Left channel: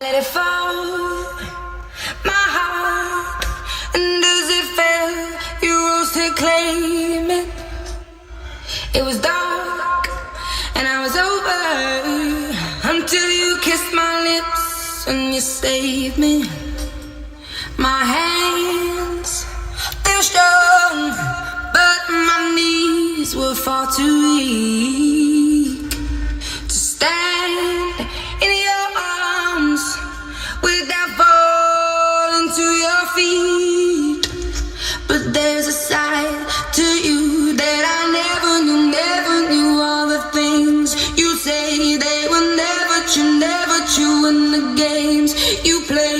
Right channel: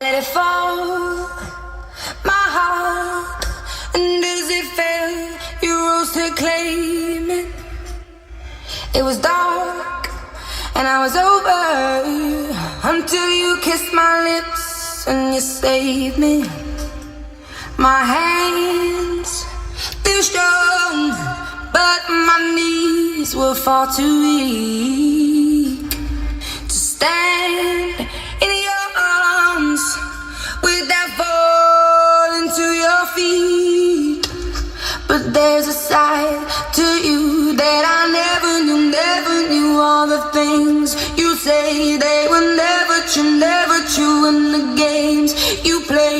Let it fall, my heart, and as it fell, you rose to claim it. It was dark, and I was over, until you kissed my lips, and you saved me. My hands, they were strong, but my knees were far too weak to stand in your arms without falling to your feet. But there's a side to you that I never knew all the things you say, they were never true, and the games you play,